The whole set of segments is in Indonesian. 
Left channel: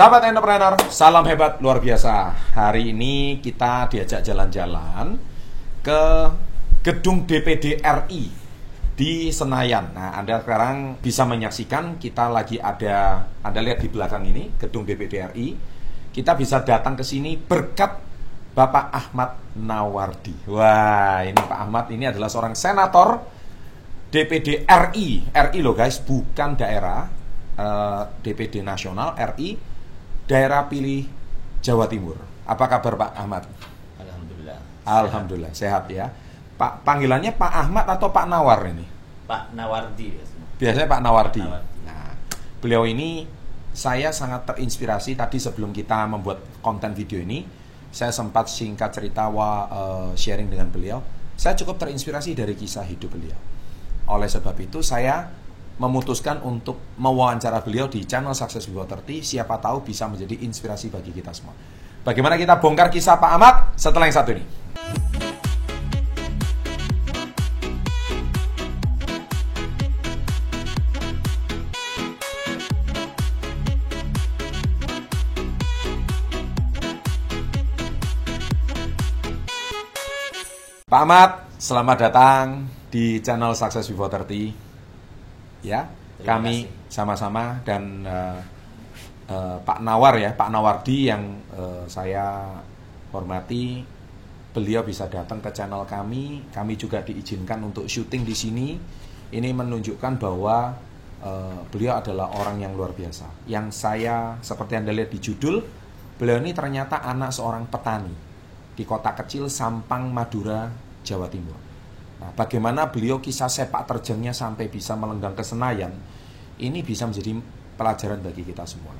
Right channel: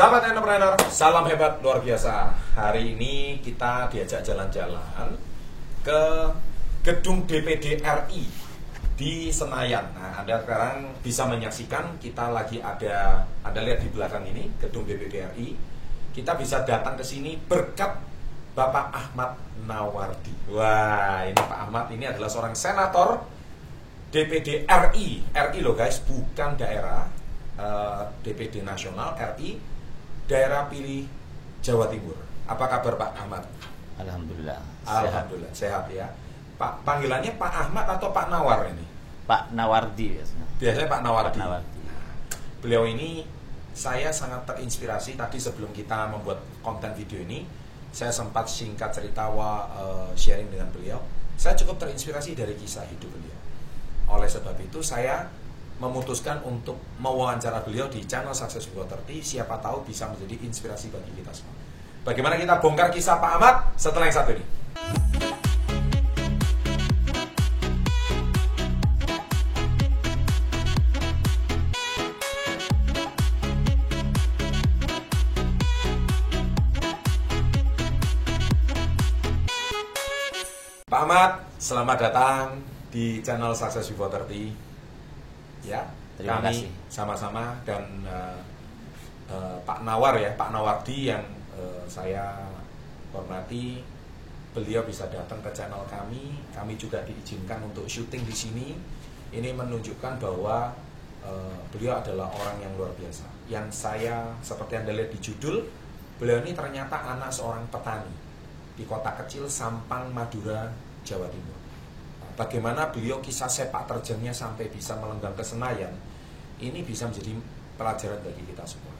Sahabat entrepreneur, salam hebat luar biasa. Hari ini kita diajak jalan-jalan ke gedung DPD RI di Senayan. Nah, Anda sekarang bisa menyaksikan kita lagi ada, Anda lihat di belakang ini, gedung DPD RI. Kita bisa datang ke sini berkat Bapak Ahmad Nawardi. Wah, ini Pak Ahmad ini adalah seorang senator DPD RI. RI loh guys, bukan daerah. DPD nasional RI. Daerah pilih Jawa Timur. Apa kabar Pak Ahmad? Alhamdulillah. Alhamdulillah sehat ya. Pak, panggilannya Pak Ahmad atau Pak Nawar ini? Pak Nawardi biasanya. Biasanya Pak Nawardi. Pak Nawardi. Nah, beliau ini saya sangat terinspirasi tadi sebelum kita membuat konten video ini, saya sempat singkat cerita sharing dengan beliau. Saya cukup terinspirasi dari kisah hidup beliau. Oleh sebab itu saya memutuskan untuk mewawancara beliau di channel Success Before 30. Siapa tahu bisa menjadi inspirasi bagi kita semua. Bagaimana kita bongkar kisah Pak Ahmad setelah yang satu ini? Pak Ahmad, selamat datang di channel Success Before 30. Ya, Terima kami kasih. sama-sama dan Pak Nawar ya, Pak Nawardi yang saya hormati, beliau bisa datang ke channel kami. Kami juga diizinkan untuk syuting di sini. Ini menunjukkan bahwa beliau adalah orang yang luar biasa. Yang saya seperti Anda lihat di judul, beliau ini ternyata anak seorang petani di kota kecil Sampang, Madura, Jawa Timur. Nah, bagaimana beliau kisah sepak terjangnya sampai bisa melenggang ke Senayan, ini bisa menjadi pelajaran bagi kita semua.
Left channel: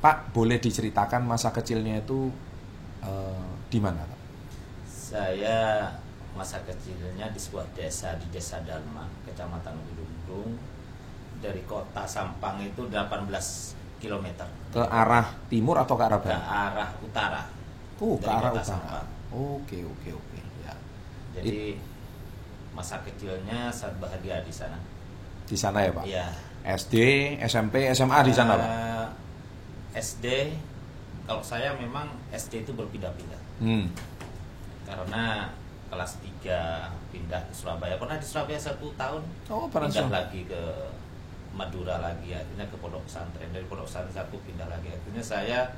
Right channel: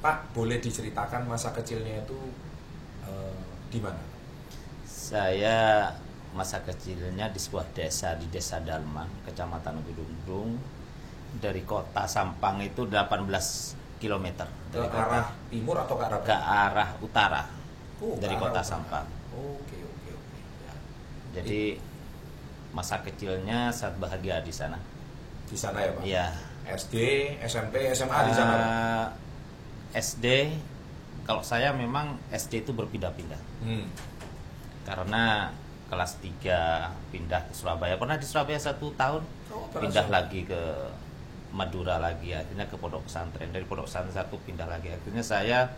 Pak, boleh diceritakan masa kecilnya itu di mana? Saya masa kecilnya di sebuah desa, di Desa Dalma, Kecamatan Gedungdung. Dari kota Sampang itu 18 km. Ke arah timur atau ke arah Ke barat? arah utara. Ke Dari arah kota utara. Sampang. Oke. Ya. Jadi masa kecilnya sangat bahagia di sana. Di sana ya Pak? Iya. SD, SMP, SMA di sana Pak? SD, kalau saya memang SD itu berpindah-pindah. Karena kelas 3 pindah ke Surabaya. Pernah di Surabaya 1 tahun, pindah lagi ke Madura lagi, akhirnya ke pondok pesantren. Dari pondok pesantren 1 pindah lagi. Akhirnya saya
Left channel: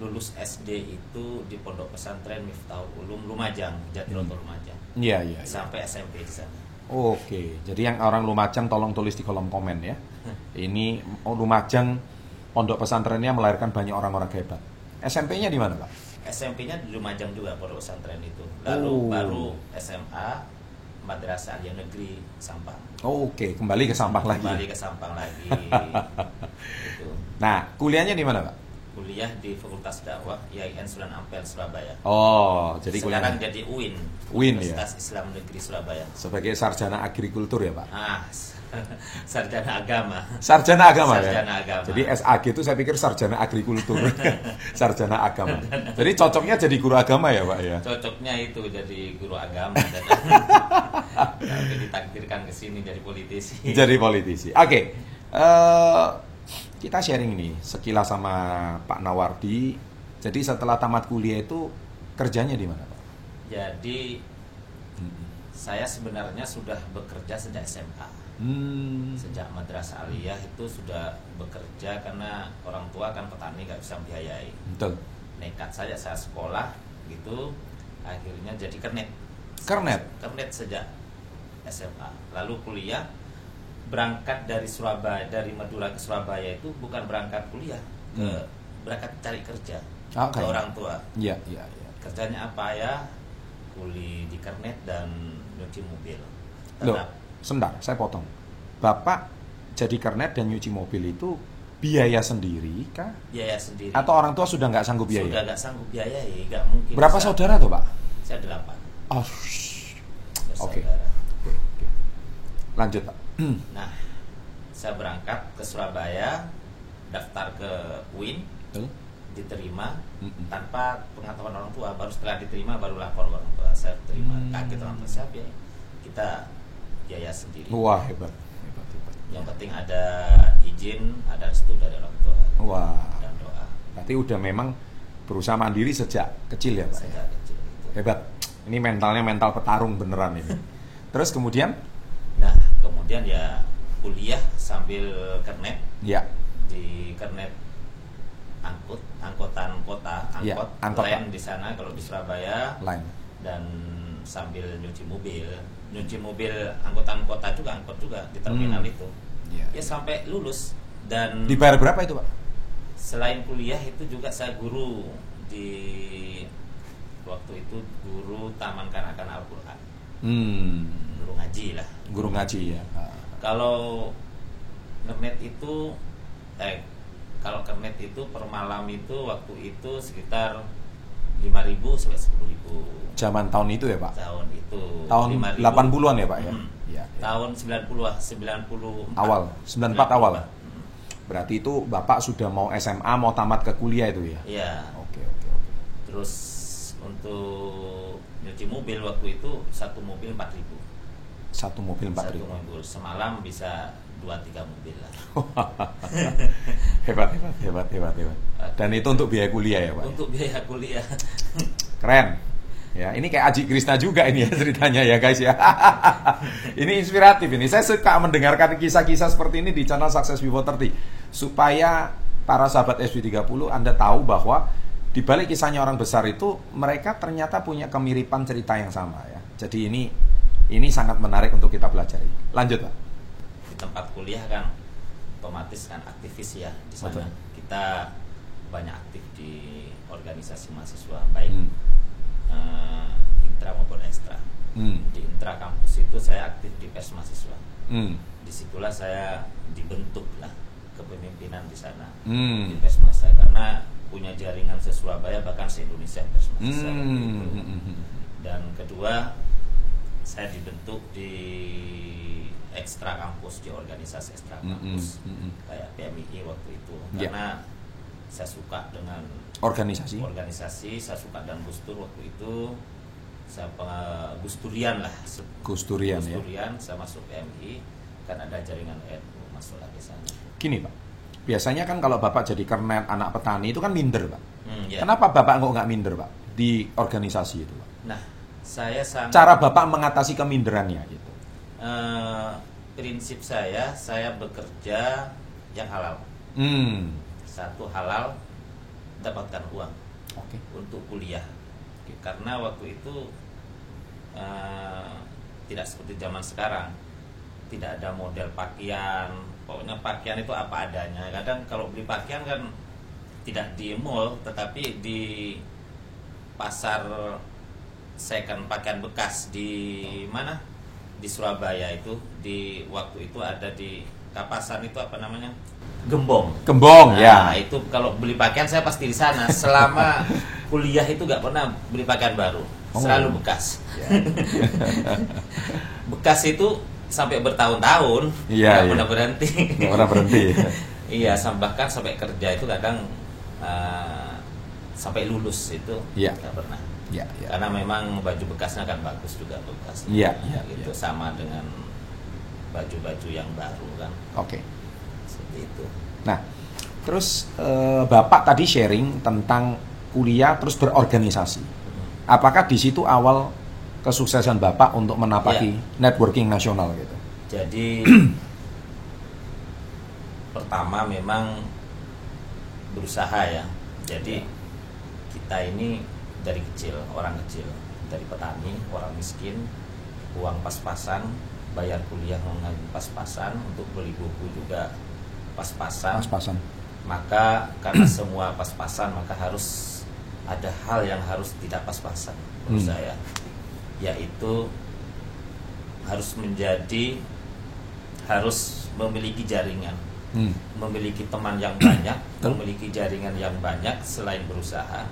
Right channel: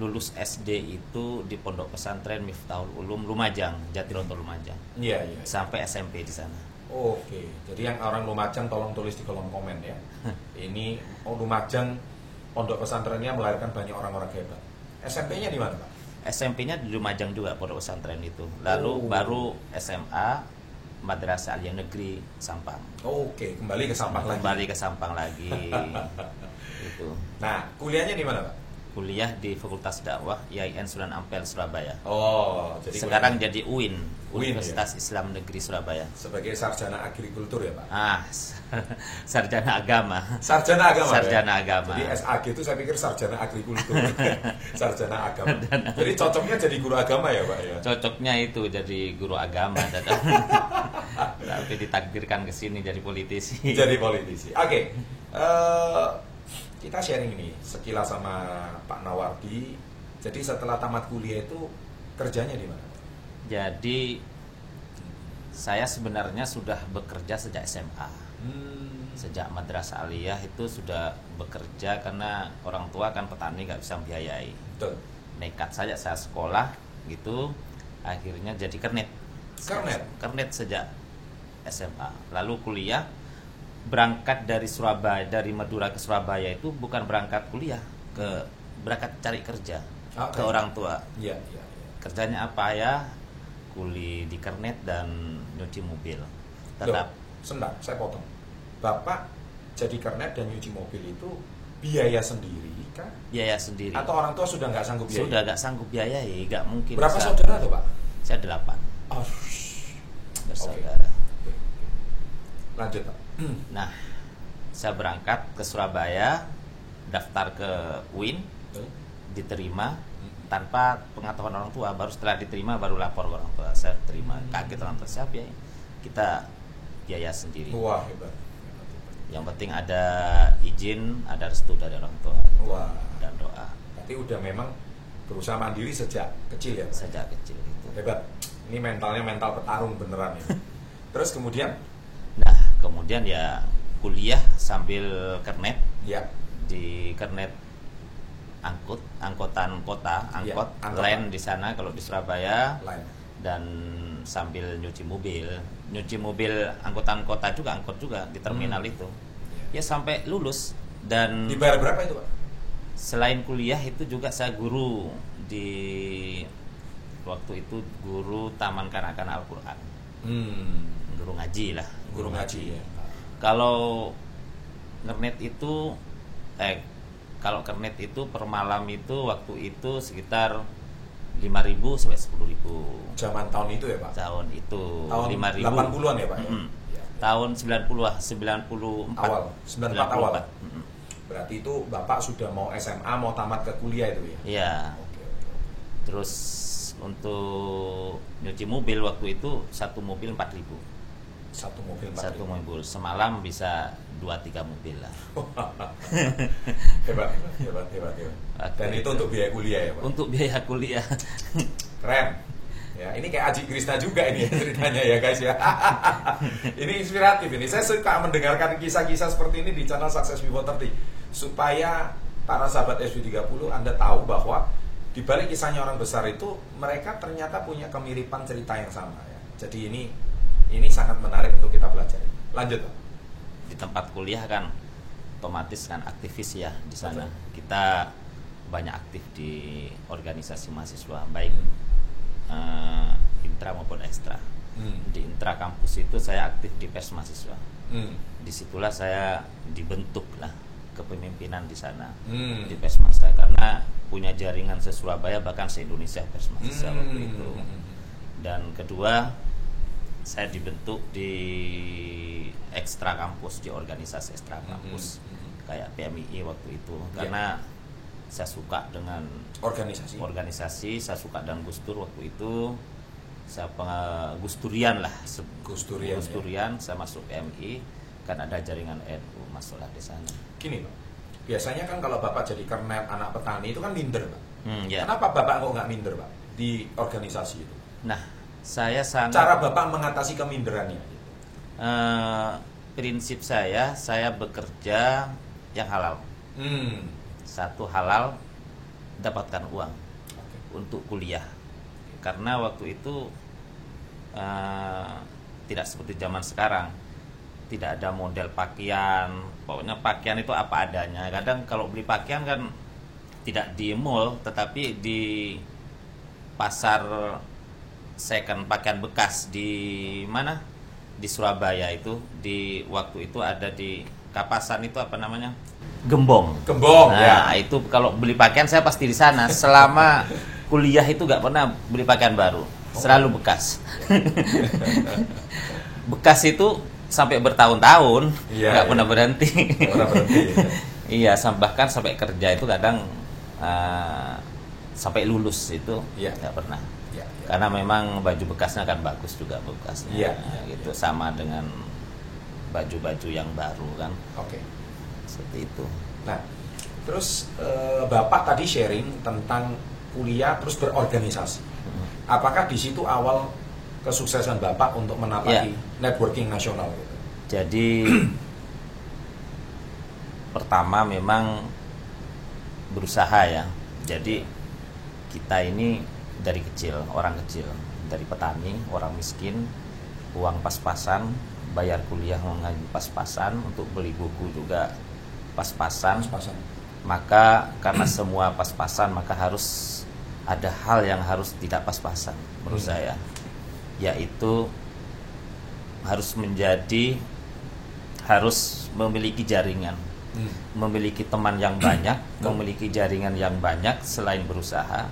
lulus SD itu di pondok pesantren Miftahul Ulum Lumajang, Jatiroto Lumajang. Iya. Sampai SMP di sana. Oke, jadi yang orang Lumajang tolong tulis di kolom komen ya. Ini Lumajang pondok pesantrennya melahirkan banyak orang-orang hebat. SMP-nya di mana Pak? SMP-nya di Lumajang juga pondok pesantren itu. Lalu baru SMA Madrasah Aliyah Negeri Sampang. Oke, kembali ke Sampang lagi. Kembali ke Sampang lagi. Itu. Nah, kuliahnya di mana Pak? Kuliah di Fakultas Dakwah IAIN Sunan Ampel Surabaya. Oh, jadi Sekarang kuliahnya jadi UIN, UIN, Universitas Islam Negeri Surabaya. sebagai sarjana agrikultur ya Pak? Sarjana agama. Sarjana agama Sarjana ya? agama. Jadi SAG itu saya pikir sarjana agrikultur. Sarjana agama. Jadi cocoknya jadi guru agama ya Pak ya? Cocoknya itu jadi guru agama. Tapi ditakdirkan ke sini jadi politisi. Jadi politisi. Oke. Kita sharing ini sekilas sama Pak Nawardi. Jadi setelah tamat kuliah itu kerjanya di mana Pak? Jadi saya sebenarnya sudah bekerja sejak SMA. Sejak Madrasah Aliyah itu sudah bekerja karena orang tua kan petani gak bisa membiayai. Betul. Nekat saja saya sekolah gitu, akhirnya jadi kernet. Kernet sejak SMA. Lalu kuliah, berangkat dari Surabaya, dari Madura ke Surabaya itu bukan berangkat kuliah, berangkat cari kerja ke orang tua. Iya. Kerjanya apa ya? Kuli di kernet dan nyuci mobil. Loh, sebentar, saya potong. Bapak jadi kernet dan nyuci mobil itu biaya sendiri kah? Biaya sendiri. Atau orang tua sudah nggak sanggup biaya? Sudah nggak sanggup biayai, nggak mungkin. Berapa saudara tuh Pak? Saya 8. Oh, bersaudara. Oke. Lanjut Pak. Nah, saya berangkat ke Surabaya, daftar ke UIN, diterima tanpa pengetahuan orang tua. Baru setelah diterima baru lapor ke orang tua. Saya terima, kaget orang tua, siapa ya? Kita biaya sendiri. Wah, hebat. Yang penting ada izin, ada restu dari orang tua. Wah. Dan doa. Berarti udah memang berusaha mandiri sejak kecil ya Pak? Sejak kecil itu. Hebat. Ini mentalnya mental petarung beneran ini. Terus kemudian? Nah, kemudian ya kuliah sambil kernet. Ya. Di kernet angkutan kota, Ya, angkot lain di sana kalau di Surabaya. Lain. Dan sambil nyuci mobil angkutan kota juga, angkot juga di terminal itu. Ya sampai lulus. Dan dibayar berapa itu Pak? Selain kuliah itu juga saya guru di waktu itu guru Taman Kanak-kanak Al-Quran. Guru ngaji lah. Guru ngaji ya. Kalau kernet itu kalau kernet itu per malam itu waktu itu sekitar 5.000 sampai 10.000. Zaman tahun itu ya Pak? Tahun itu. Tahun 80-an ya Pak ya? Ya. Tahun 90 awal, 94 awal. Berarti itu Bapak sudah mau SMA, mau tamat ke kuliah itu ya? Iya. Oke. Terus untuk nyuci mobil waktu itu satu mobil 4.000. Satu mobil 4.000. Satu mobil semalam bisa 2-3 mobil lah. Hebat. Dan itu untuk biaya kuliah ya Pak? Untuk biaya kuliah. Keren. Ya, ini kayak Aji Krishna juga ini ya ceritanya ya guys ya. Ini inspiratif ini. Saya suka mendengarkan kisah-kisah seperti ini di channel Success Before 30 supaya para sahabat SV30 Anda tahu bahwa di balik kisahnya orang besar itu mereka ternyata punya kemiripan cerita yang sama ya. Jadi ini sangat menarik untuk kita pelajari. Lanjut Pak. Di tempat kuliah kan otomatis kan aktivis ya di sana. Betul. Kita banyak aktif di organisasi mahasiswa baik intra maupun ekstra. Di intra kampus itu saya aktif di pers mahasiswa. Disitulah saya dibentuk lah kepemimpinan di sana di pers mahasiswa karena punya jaringan se-Surabaya bahkan se-Indonesia pers mahasiswa waktu itu. Dan kedua saya dibentuk di ekstra kampus, di organisasi ekstra kampus kayak PMII waktu itu karena saya suka dengan organisasi, saya suka dengan Gus Dur waktu itu. Saya Gusturian lah. Gusturian, saya masuk PMI kan ada jaringan NU masuklah di sana. Gini Pak, biasanya kan kalau Bapak jadi kernet anak petani itu kan minder Pak. Ya. Kenapa Bapak nggak minder Pak di organisasi itu Pak? Nah, saya sangat cara Bapak mengatasi keminderannya gitu. Prinsip saya bekerja yang halal. Satu halal, dapatkan uang untuk kuliah. Karena waktu itu tidak seperti zaman sekarang, tidak ada model pakaian. Pokoknya pakaian itu apa adanya. Kadang kalau beli pakaian kan tidak di mall, tetapi di pasar second pakaian bekas di mana? Di Surabaya itu. Di waktu itu ada di Kapasan itu apa namanya? Gembong ya. Itu kalau beli pakaian saya pasti di sana. Selama kuliah itu nggak pernah beli pakaian baru, selalu bekas. Bekas itu sampai bertahun-tahun nggak pernah berhenti. Iya, bahkan sampai kerja itu kadang sampai lulus itu nggak pernah. Karena memang baju bekasnya kan bagus juga bekasnya. Gitu sama dengan baju-baju yang baru kan. Seperti itu. Nah, terus Bapak tadi sharing tentang kuliah terus berorganisasi. Apakah di situ awal kesuksesan Bapak untuk menapaki networking nasional gitu? Jadi pertama memang berusaha ya. Jadi kita ini dari kecil, orang kecil, dari petani, orang miskin, uang pas-pasan, bayar kuliah mengaji pas-pasan, untuk beli buku juga pas-pasan. Maka karena semua pas-pasan, maka harus ada hal yang harus tidak pas-pasan menurut saya, yaitu harus memiliki jaringan, memiliki teman yang banyak, memiliki jaringan yang banyak selain berusaha.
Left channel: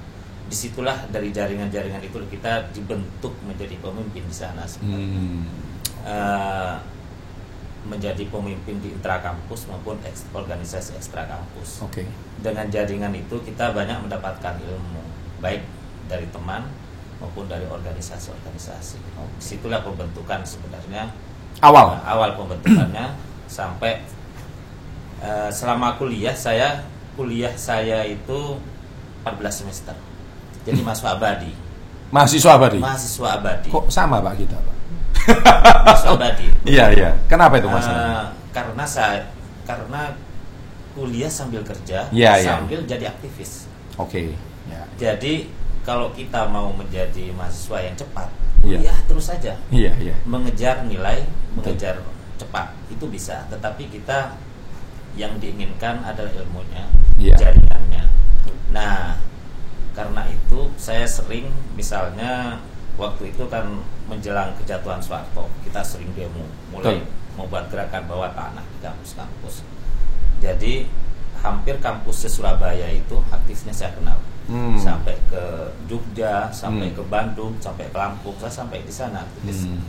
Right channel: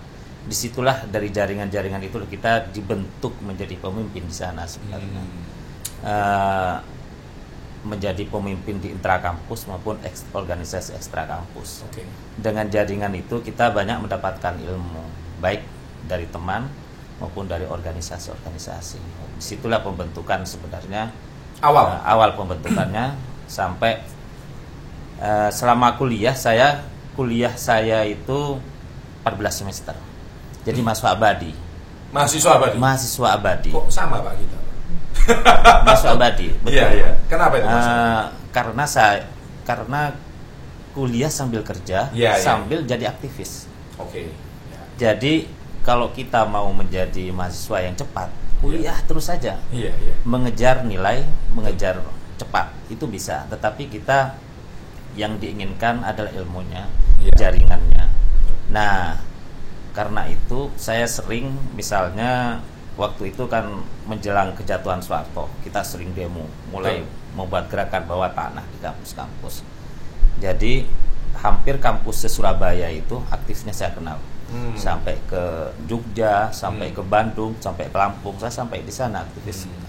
Disitulah dari jaringan-jaringan itu kita dibentuk menjadi pemimpin di sana sebenarnya. Menjadi pemimpin di intrakampus maupun organisasi ekstra kampus. Dengan jaringan itu kita banyak mendapatkan ilmu, baik dari teman maupun dari organisasi-organisasi. Disitulah pembentukan sebenarnya awal pembentukannya sampai selama kuliah saya kuliah saya itu 14 semester. Jadi mahasiswa abadi. Mahasiswa abadi. Mahasiswa abadi. Kok sama Pak kita, Pak? Mahasiswa abadi. Iya, iya. Kenapa itu Mas? Karena kuliah sambil kerja, Ya, sambil jadi aktivis. Oke. Ya. Jadi kalau kita mau menjadi mahasiswa yang cepat, kuliah terus saja. Iya, iya. Mengejar nilai, mengejar cepat itu bisa. Tetapi kita yang diinginkan adalah ilmunya, jaringannya. Nah, karena itu saya sering, misalnya waktu itu kan menjelang kejatuhan Soeharto, kita sering demo, mulai membuat gerakan bawah tanah di kampus-kampus. Jadi hampir kampus Surabaya itu aktifnya saya kenal. Sampai ke Jogja, sampai ke Bandung, sampai ke Lampung, saya sampai di sana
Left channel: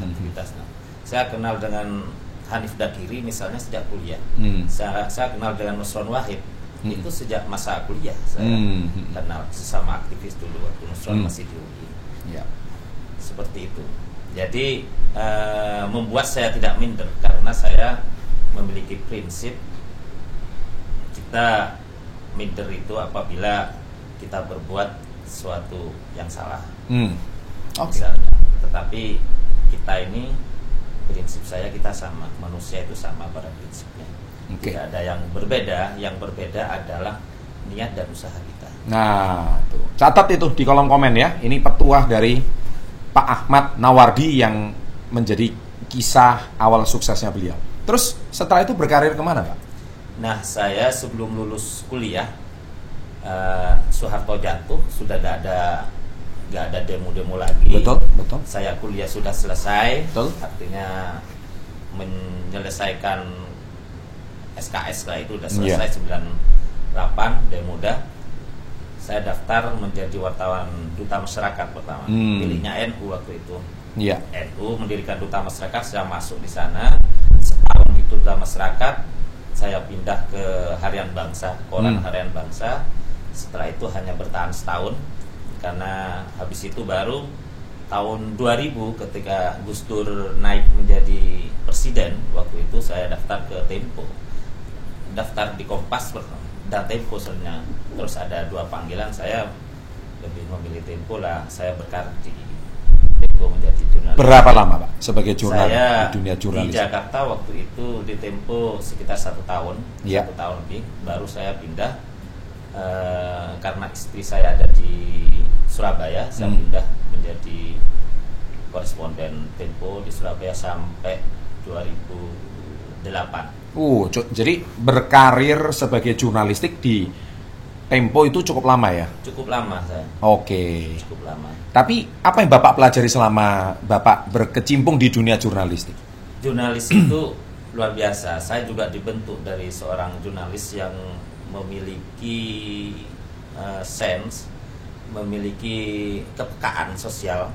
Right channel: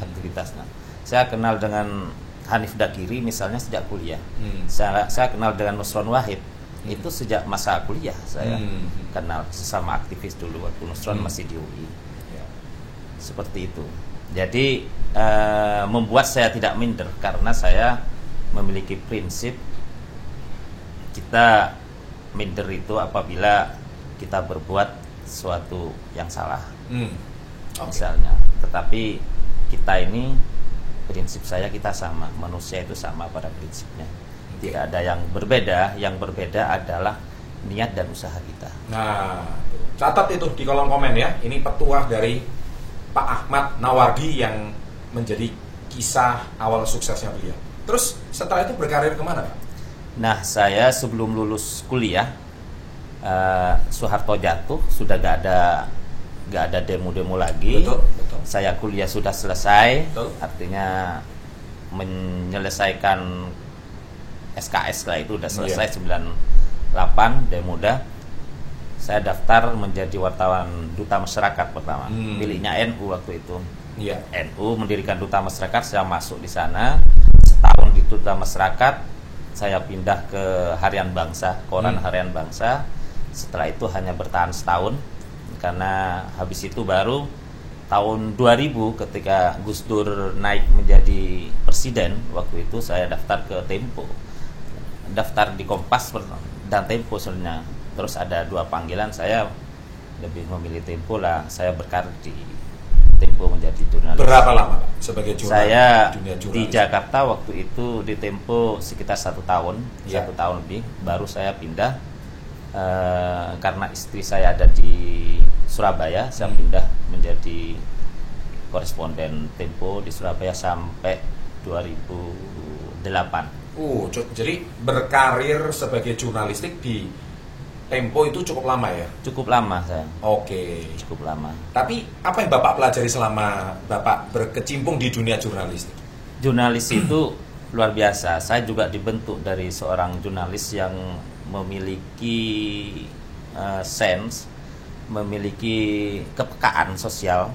aktivitasnya. Saya kenal dengan Hanif Dakiri misalnya sejak kuliah. Saya kenal dengan Nusron Wahid itu sejak masa kuliah. Saya kenal sesama aktivis dulu waktu Nusron masih di UI. Ya. Seperti itu. Jadi membuat saya tidak minder karena saya memiliki prinsip kita minder itu apabila kita berbuat sesuatu yang salah. Misalnya, tetapi kita ini prinsip saya kita sama, manusia itu sama pada prinsipnya. Tidak ada yang berbeda. Yang berbeda adalah niat dan usaha kita. Nah, tuh. Catat itu di kolom komen ya. Ini petuah dari Pak Ahmad Nawardi yang menjadi kisah awal suksesnya beliau. Terus setelah itu berkarir kemana, Pak? Nah, saya sebelum lulus kuliah, Soeharto jatuh, sudah gak ada demo-demo lagi. Betul, betul. Saya kuliah sudah selesai, betul. Artinya menyelesaikan SKS lah itu udah selesai 98 Demuda. Saya daftar menjadi wartawan duta masyarakat pertama. Pilihnya NU waktu itu. NU mendirikan duta masyarakat, saya masuk di sana. Setahun di duta masyarakat, saya pindah ke Harian Bangsa, koran Harian Bangsa. Setelah itu hanya bertahan setahun. Karena habis itu baru tahun 2000 ketika Gus Dur naik menjadi presiden, waktu itu saya daftar ke Tempo, daftar di Kompas dan Tempo sebenarnya. Terus ada dua panggilan, saya lebih memilih Tempo lah. Saya berkarir di Tempo menjadi jurnalis. Berapa lama Pak sebagai jurnalis? Saya di dunia jurnalis? Di Jakarta waktu itu di Tempo sekitar 1 tahun, 1 tahun lebih. Baru saya pindah karena istri saya ada di Surabaya, saya pindah menjadi koresponden Tempo di Surabaya sampai 2008. Jadi berkarir sebagai jurnalistik di Tempo itu cukup lama ya? Cukup lama saya. Oke. Cukup lama. Tapi apa yang Bapak pelajari selama Bapak berkecimpung di dunia jurnalistik? Jurnalis itu luar biasa. Saya juga dibentuk dari seorang jurnalis yang memiliki sense, memiliki kepekaan sosial,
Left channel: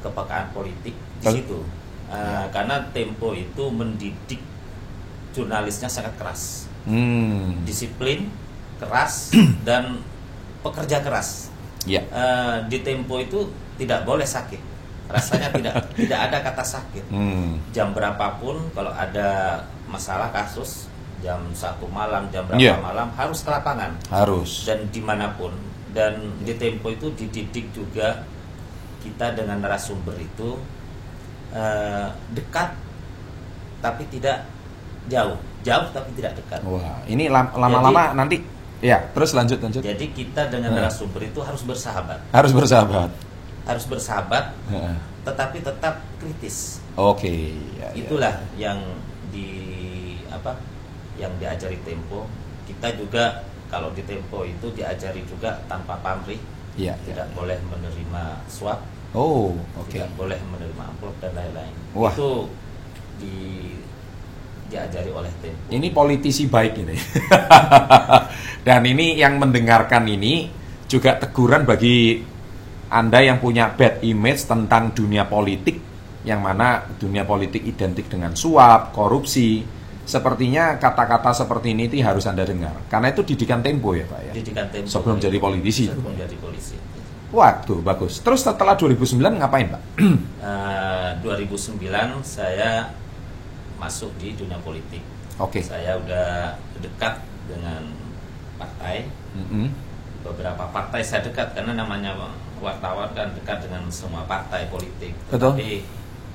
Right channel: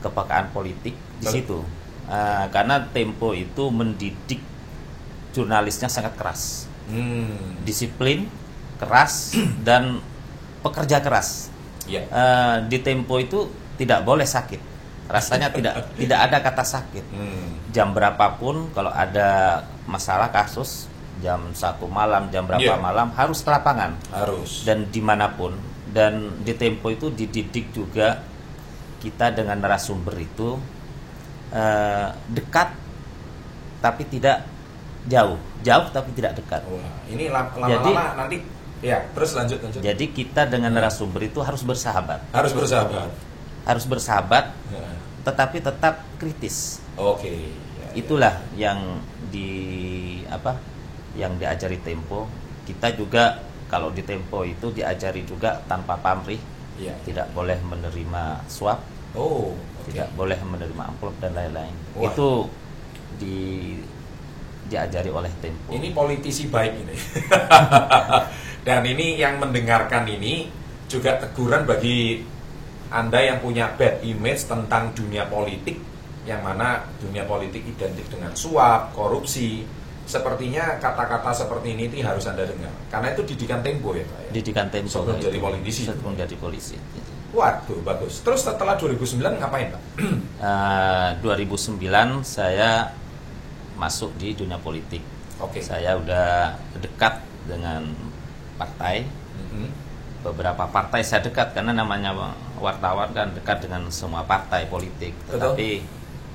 kepekaan politik di situ. Karena Tempo itu mendidik jurnalisnya sangat keras, disiplin, keras dan pekerja keras. Di Tempo itu tidak boleh sakit, rasanya tidak ada kata sakit. Jam berapapun kalau ada masalah kasus, jam 1 malam, jam berapa malam harus ke lapangan, harus, dan dimanapun. Dan di Tempo itu dididik juga kita dengan narasumber itu dekat tapi tidak jauh tapi tidak dekat. Wah, ini lama-lama nanti ya, terus lanjut. Jadi kita dengan narasumber itu harus bersahabat. Harus bersahabat, tetapi tetap kritis. Oke. Itulah yang yang diajari Tempo. Kita juga kalau di Tempo itu diajari juga tanpa pamrih. Tidak boleh menerima suap. Tidak boleh menerima amplop dan lain-lain. Itu diajari oleh Tempo. Ini politisi baik ini. Dan ini yang mendengarkan ini juga teguran bagi Anda yang punya bad image tentang dunia politik, yang mana dunia politik identik dengan suap, korupsi. Sepertinya kata-kata seperti ini harus Anda dengar. Karena itu didikan Tempo ya Pak ya? Didikan Tempo. Sebelum jadi politisi. Sebelum jadi polisi. Waduh, bagus. Terus setelah 2009 ngapain Pak? 2009 saya masuk di dunia politik. Saya udah dekat dengan partai. Beberapa partai saya dekat karena namanya wartawan kan dekat dengan semua partai politik. Tetapi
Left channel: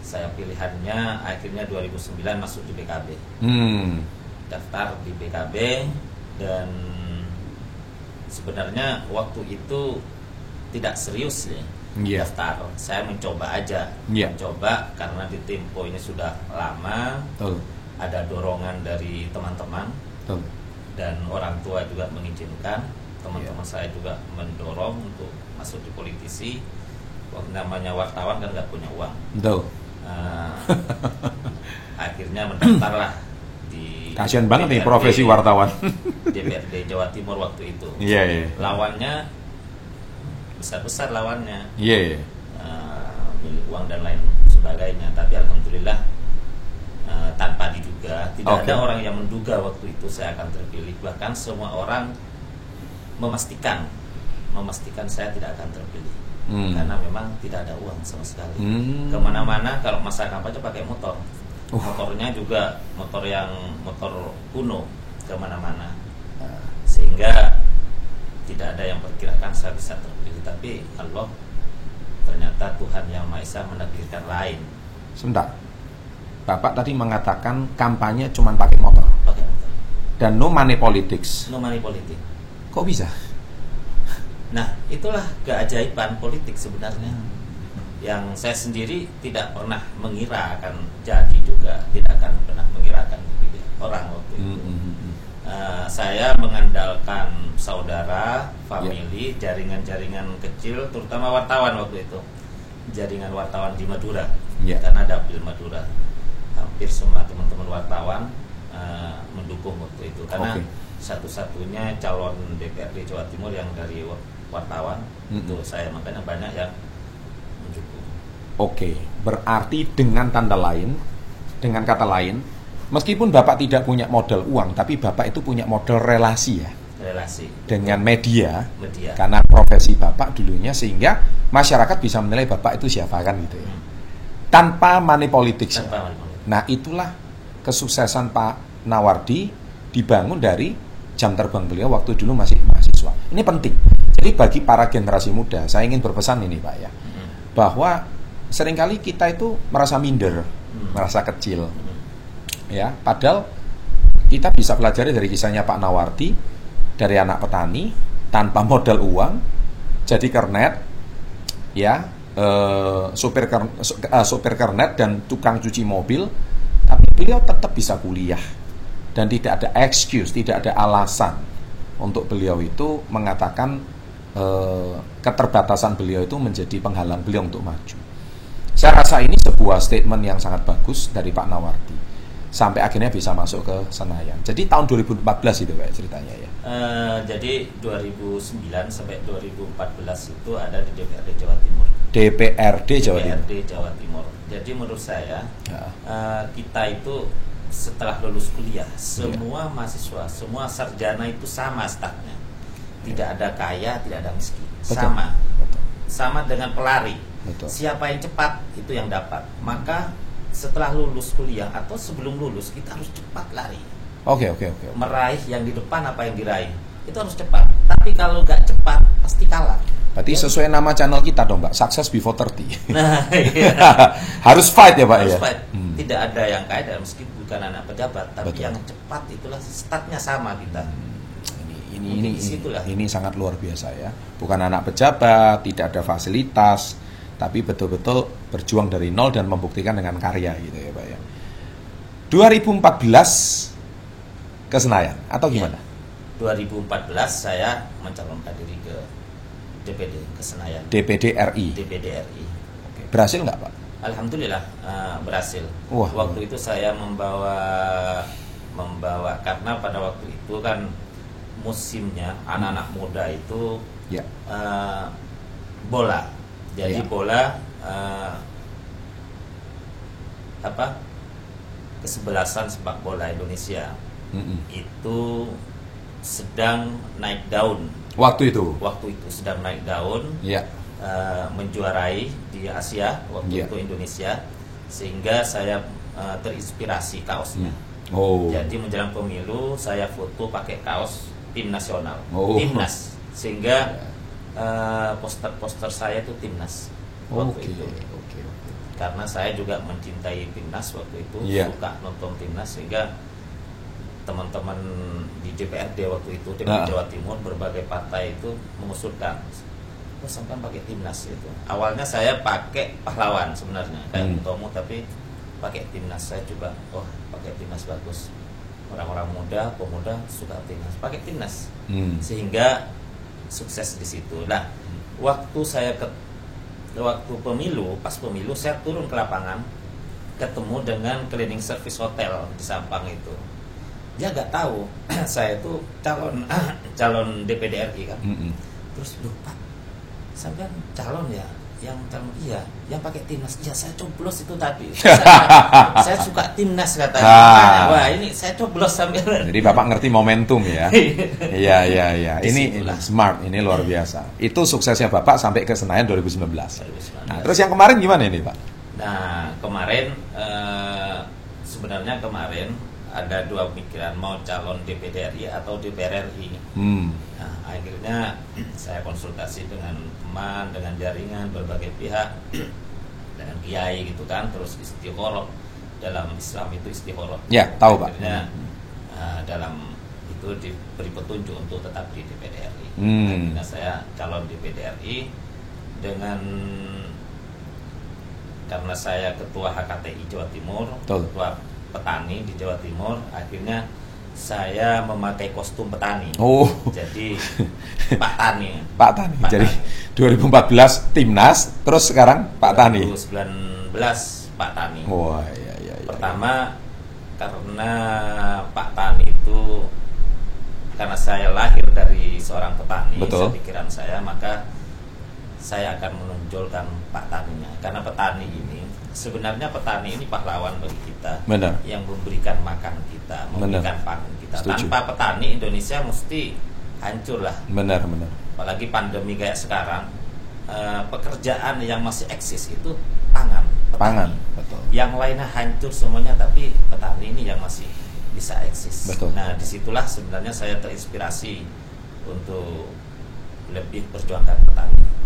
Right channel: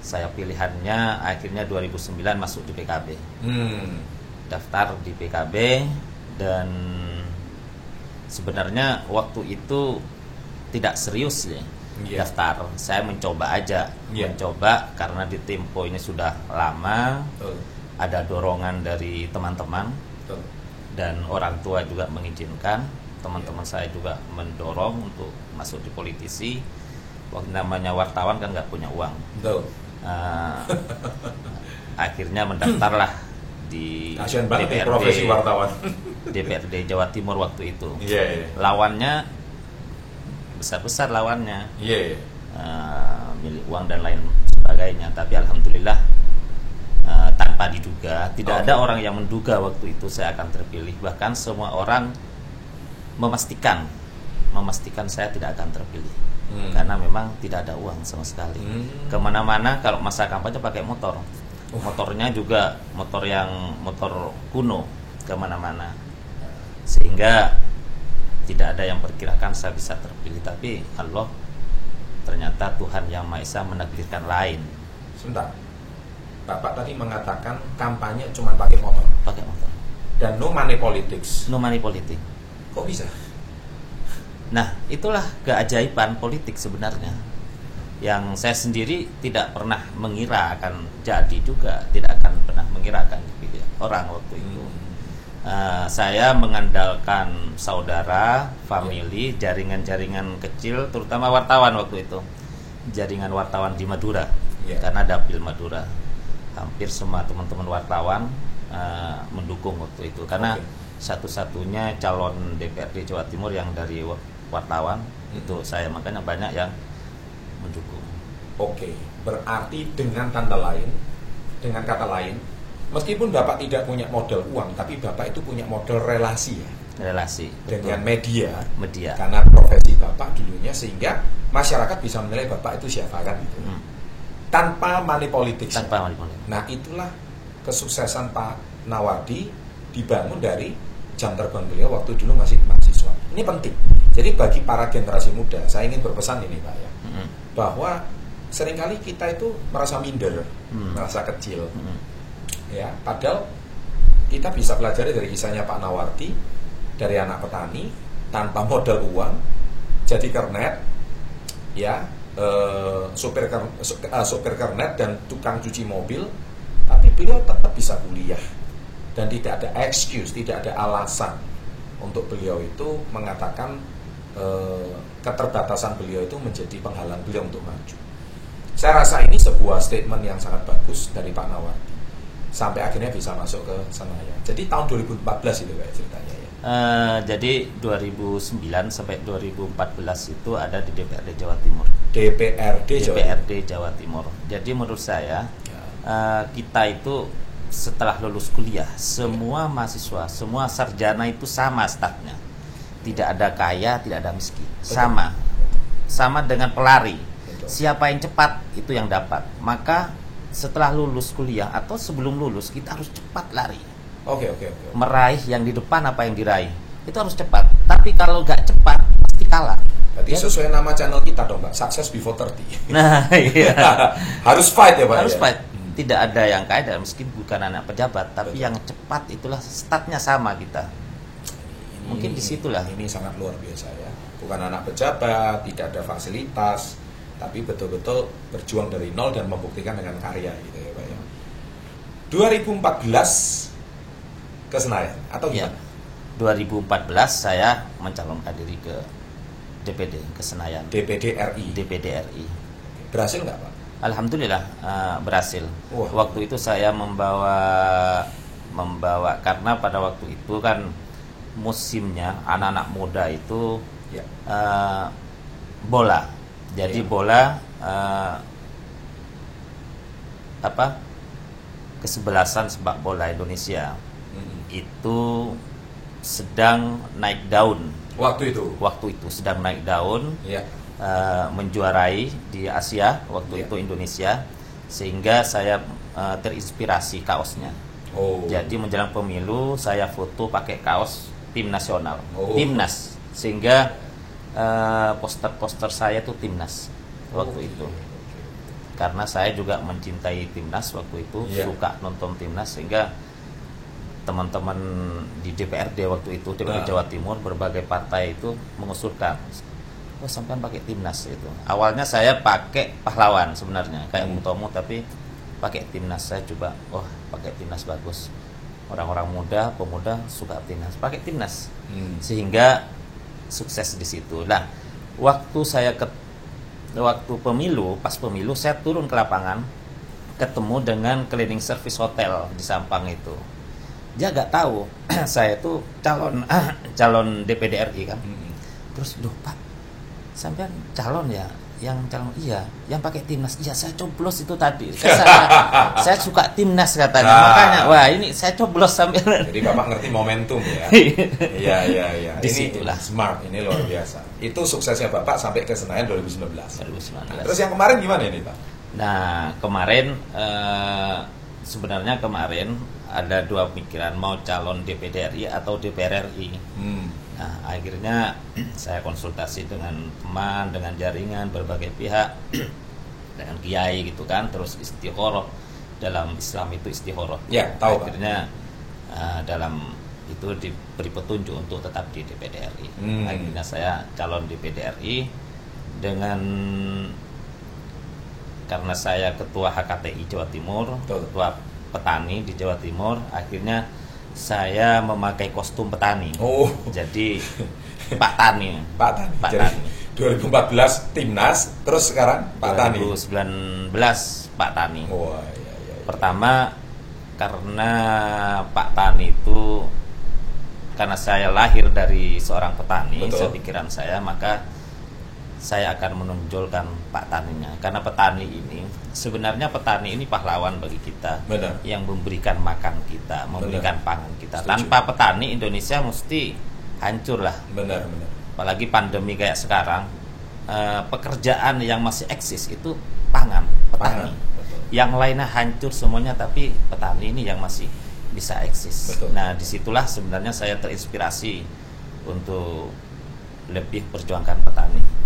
saya pilihannya akhirnya 2009 masuk di PKB. Daftar di PKB dan sebenarnya waktu itu tidak serius ya. Daftar, saya mencoba aja, mencoba karena di Tempo ini sudah lama, ada dorongan dari teman-teman dan orang tua juga mengizinkan, teman-teman saya juga mendorong untuk masuk di politisi. Waktu namanya wartawan kan nggak punya uang, akhirnya mendaftarlah di kasian banget nih profesi wartawan DPRD Jawa Timur waktu itu. Lawannya besar-besar lawannya, milik uang dan lain sebagainya. Tapi alhamdulillah tanpa diduga, tidak ada orang yang menduga waktu itu saya akan terpilih. Bahkan semua orang memastikan saya tidak akan terpilih karena memang tidak ada uang sama sekali. Kemana-mana kalau masa kampanye pakai motor, motornya juga motor kuno kemana-mana, sehingga tidak ada yang perkirakan saya bisa terpilih. Tapi Allah, ternyata Tuhan Yang Maha Esa menakdirkan lain. Sebentar, Bapak tadi mengatakan kampanye cuma pakai motor. Dan no money politics. No money politik. Kok bisa? Nah, itulah keajaiban politik sebenarnya. Yang saya sendiri tidak pernah mengira akan jadi juga, tidak akan pernah mengira akan dipilih orang waktu itu. Saya mengandalkan saudara, family, jaringan-jaringan kecil, terutama wartawan waktu itu, jaringan wartawan di Madura, karena dapil Madura, hampir semua teman-teman wartawan mendukung waktu itu, karena satu-satunya calon DPRD Jawa Timur yang dari wartawan itu saya, makanya banyak yang mendukung. Berarti dengan kata lain, meskipun Bapak tidak punya modal uang, tapi Bapak itu punya modal relasi ya. Relasi dengan media. Media. Karena profesi Bapak dulunya, sehingga masyarakat bisa menilai Bapak itu siapa kan gitu ya. Tanpa money politics. Nah, itulah kesuksesan Pak Nawardi dibangun dari jam terbang beliau waktu dulu masih mahasiswa. Ini penting. Jadi bagi para generasi muda, saya ingin berpesan ini Pak ya, bahwa seringkali kita itu merasa minder, merasa kecil. Ya, padahal kita bisa pelajari dari kisahnya Pak Nawardi, dari anak petani tanpa modal uang jadi kernet, ya, sopir kernet dan tukang cuci mobil, tapi beliau tetap bisa kuliah dan tidak ada excuse, tidak ada alasan untuk beliau itu mengatakan keterbatasan beliau itu menjadi penghalang beliau untuk maju. Saya rasa ini sebuah statement yang sangat bagus dari Pak Nawardi, sampai akhirnya bisa masuk ke Senayan. Jadi tahun 2014 itu kayak ceritanya ya. Jadi 2009 sampai 2014 itu ada di DPRD Jawa Timur. DPRD Jawa Timur. Jadi menurut saya kita itu setelah lulus kuliah, semua mahasiswa, semua sarjana itu sama stafnya. Tidak ada kaya, tidak ada miskin. Sama dengan pelari. Siapa yang cepat itu yang dapat. Maka setelah lulus kuliah atau sebelum lulus kita harus cepat lari. Meraih yang di depan apa yang diraih itu harus cepat. Tapi kalau nggak cepat pasti kalah. Berarti sesuai nama channel kita dong Pak, Success Before 30. Nah, iya. Harus fight ya Pak. Harus fight. Tidak ada yang kaya dan miskin, bukan anak pejabat, tapi yang cepat itulah statnya sama kita. Mungkin disitulah. Ini sangat luar biasa ya. Bukan anak pejabat, tidak ada fasilitas, tapi betul-betul berjuang dari nol dan membuktikan dengan karya gitu ya Pak ya. 2014 ke Senayan atau gimana? Ya, 2014 saya mencalonkan diri ke DPD ke Senayan. DPD RI. Berhasil nggak Pak? Alhamdulillah berhasil. Waktu itu saya membawa karena pada waktu itu kan musimnya anak-anak muda itu bola. Jadi bola kesebelasan sepak bola Indonesia itu sedang naik daun. Waktu itu sedang naik daun. Menjuarai di Asia waktu itu Indonesia, sehingga saya terinspirasi kaosnya. Jadi menjelang pemilu saya foto pakai kaos tim nasional, Oh. timnas, sehingga poster-poster saya itu timnas waktu itu. Karena saya juga mencintai timnas waktu itu, suka nonton timnas, sehingga teman-teman di DPRD waktu itu, DPRD Jawa Timur, berbagai partai itu mengusulkan, sampai pakai timnas itu. Awalnya saya pakai pahlawan sebenarnya, kayak Utomo, tapi pakai timnas. Saya coba, pakai timnas bagus. Orang-orang muda, pemuda suka timnas, pakai timnas, sehingga sukses di situ. Nah, waktu pemilu, pas pemilu saya turun ke lapangan, ketemu dengan cleaning service hotel di Sampang itu. Dia nggak tahu saya itu calon DPD RI kan. Terus, "Duh Pak, sampai calon ya? Yang calon iya, yang pakai timnas." "Iya, saya coblos itu tadi. Saya suka timnas," katanya. Makanya, wah ini saya coblos sambil. Jadi Bapak ngerti momentum ya. Iya. Ini smart, ini luar biasa. Itu suksesnya Bapak sampai ke Senayan 2019. Nah, terus yang kemarin gimana ini Pak? Nah, kemarin sebenarnya ada dua pikiran, mau calon DPD RI atau DPR RI. Nah, akhirnya saya konsultasi dengan teman, dengan jaringan berbagai pihak, dengan kiai gitu kan, terus istikharah. Dalam Islam itu istikharah. Ya, tahu Pak. Akhirnya dalam itu diberi petunjuk untuk tetap di DPD RI. Akhirnya saya calon DPD RI karena saya ketua HKTI Jawa Timur, ketua petani di Jawa Timur, akhirnya saya memakai kostum petani. Jadi Pak Tani. Jadi 2014 timnas, terus sekarang Pak Tani. 2019 Pak Tani. Iya. Pertama karena Pak Tani itu, karena saya lahir dari seorang petani, sepikiran saya, maka saya akan menonjolkan Pak Taninya. Karena petani ini, sebenarnya petani ini pahlawan bagi kita. Benar. Yang memberikan makan kita, memberikan pangan kita. Setuju. Tanpa petani, Indonesia mesti hancur lah. Benar. Apalagi pandemi kayak sekarang, pekerjaan yang masih eksis itu pangan, petani. Betul. Yang lainnya hancur semuanya, tapi petani ini yang masih bisa eksis. Betul. Nah, disitulah sebenarnya saya terinspirasi untuk lebih perjuangkan petani.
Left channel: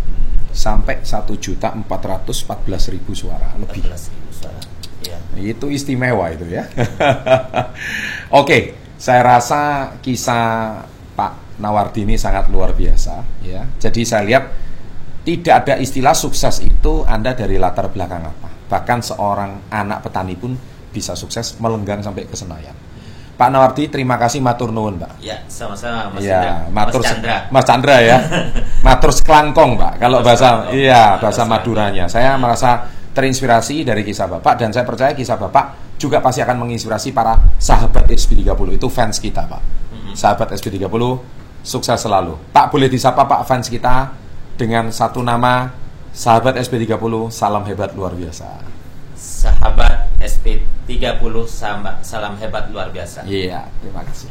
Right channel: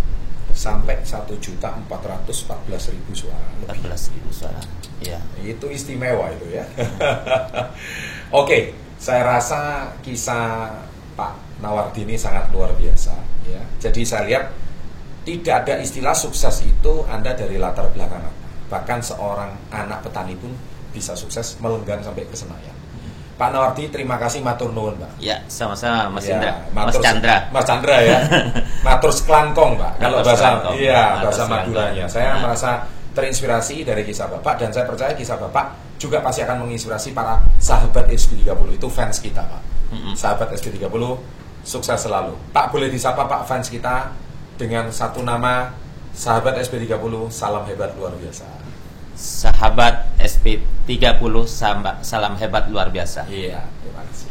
Sampai 1.414.000 suara lebih. 14.000 suara. Ya. Itu istimewa itu ya. Oke, saya rasa kisah Pak Nawardi ini sangat luar biasa ya. Jadi saya lihat tidak ada istilah sukses itu Anda dari latar belakang apa. Bahkan seorang anak petani pun bisa sukses melenggang sampai ke Senayan. Pak Nawardi, terima kasih, matur nuwun Pak. Ya, sama-sama Mas Ya, Indra. Mas Chandra ya. Matur seklangkong Pak. Kalau bahasa bahasa seklangkong. Maduranya. Saya merasa terinspirasi dari kisah Bapak, dan saya percaya kisah Bapak juga pasti akan menginspirasi para sahabat SB30. Itu fans kita Pak. Sahabat SB30, sukses selalu. Pak, boleh disapa Pak fans kita dengan satu nama, sahabat SB30, salam hebat luar biasa. Sahabat SP30, salam hebat luar biasa. Iya, terima kasih.